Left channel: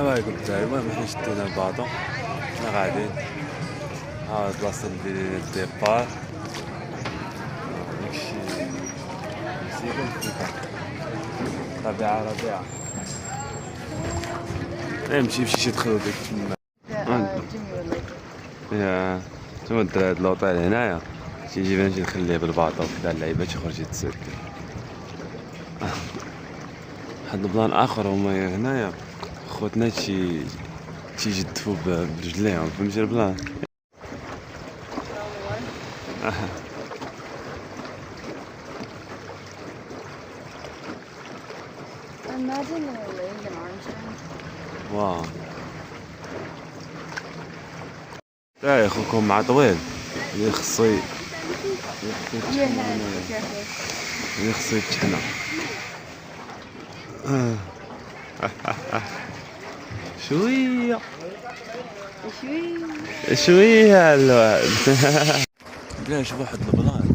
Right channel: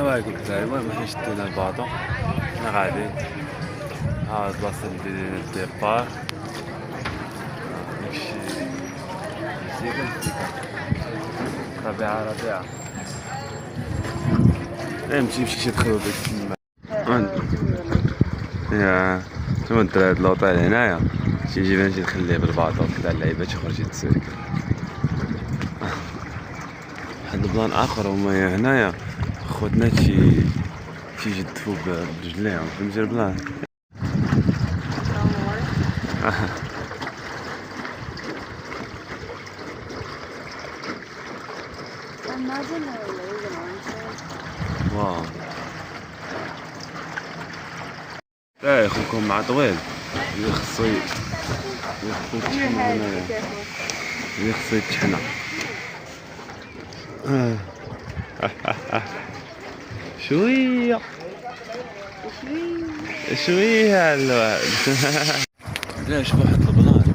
السلام عليكم الدراري. المهم حنا شدينا الباطو، حنا غاديين ها البلاصه اللي الديبار نمشي مزيان فيها ربيعه نمشي شي دخلو ديك تما يا تما الدراري اللوطيل هنايا تيجي نمشي نخليه بالباطو كدا اللعيبات يخرج يتسلك. واحد البلان اخر هما هنايا خوتنا تيجدفو برجليهم، فهمتي البلان. Imagine their legs and arms things. واو لا خوكم مع طويل خصو On your head, be careful. خصو يتحنى. شوية شوية على الوعد. بلا شوف واحد البلان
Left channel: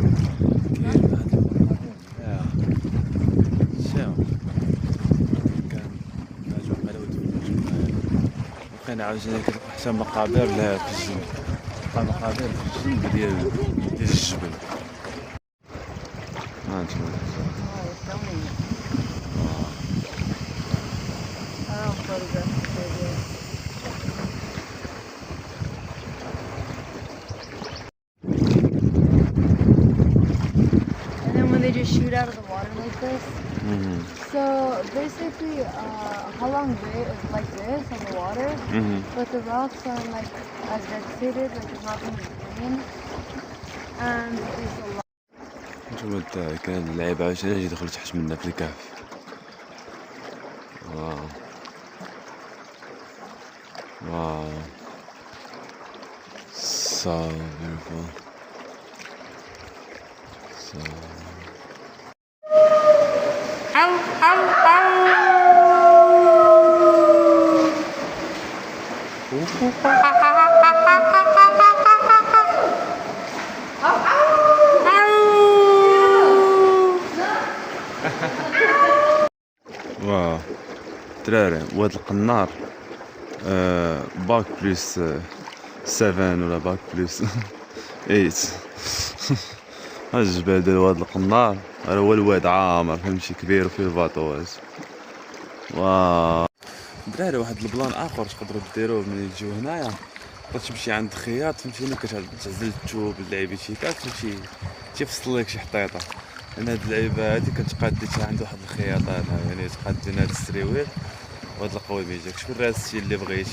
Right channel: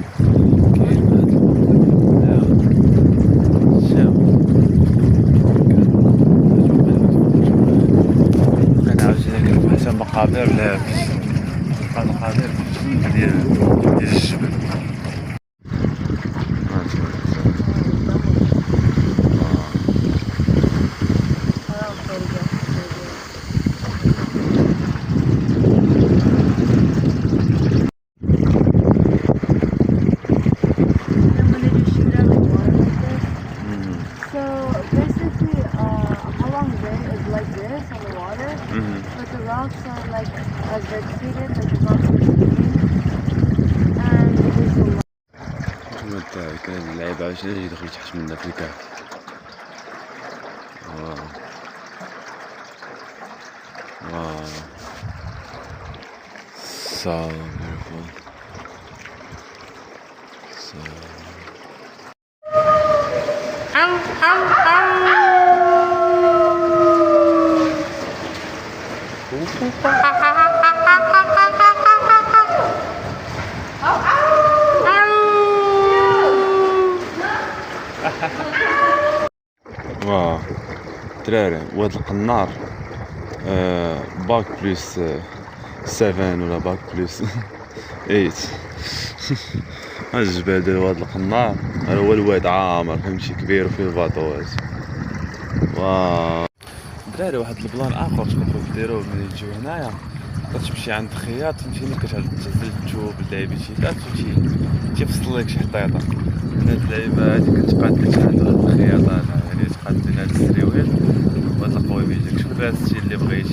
كاين هاد شوف انا عاوتاني حتى مقابر لا تلقى مقابر في الجنب ديال الجبل. So basically, Halong Bay is like this on the water, but the rocks are like as vegetated, like it's not so green, and there's a lot. شوف كان اللعيب عاوتاني يدخل تحت منا في الكهف. واو so beautiful. So واو دراري وهاد القنار باك بلس 7 ولا باك بلس 8. ها الجبال ديال واد القنار هو الواد عامر فهمتي كبير وفيه الباطوات. واو دراري واحد البلان اخر تقدروا ديروه ملي تجيو هنايا، تقدر تمشي عند خياط فهمتيني كتعزل الثوب اللعيبه شيطات فهمتي تيفصل لك شي حطيطه من هاد اللعيبه هادي كتقاد شي حاجه هاد الخياطات يعني تقاد هاد السريويل وهاد القوالب ديالك. شوف هاد الشيء اللي بغيتي.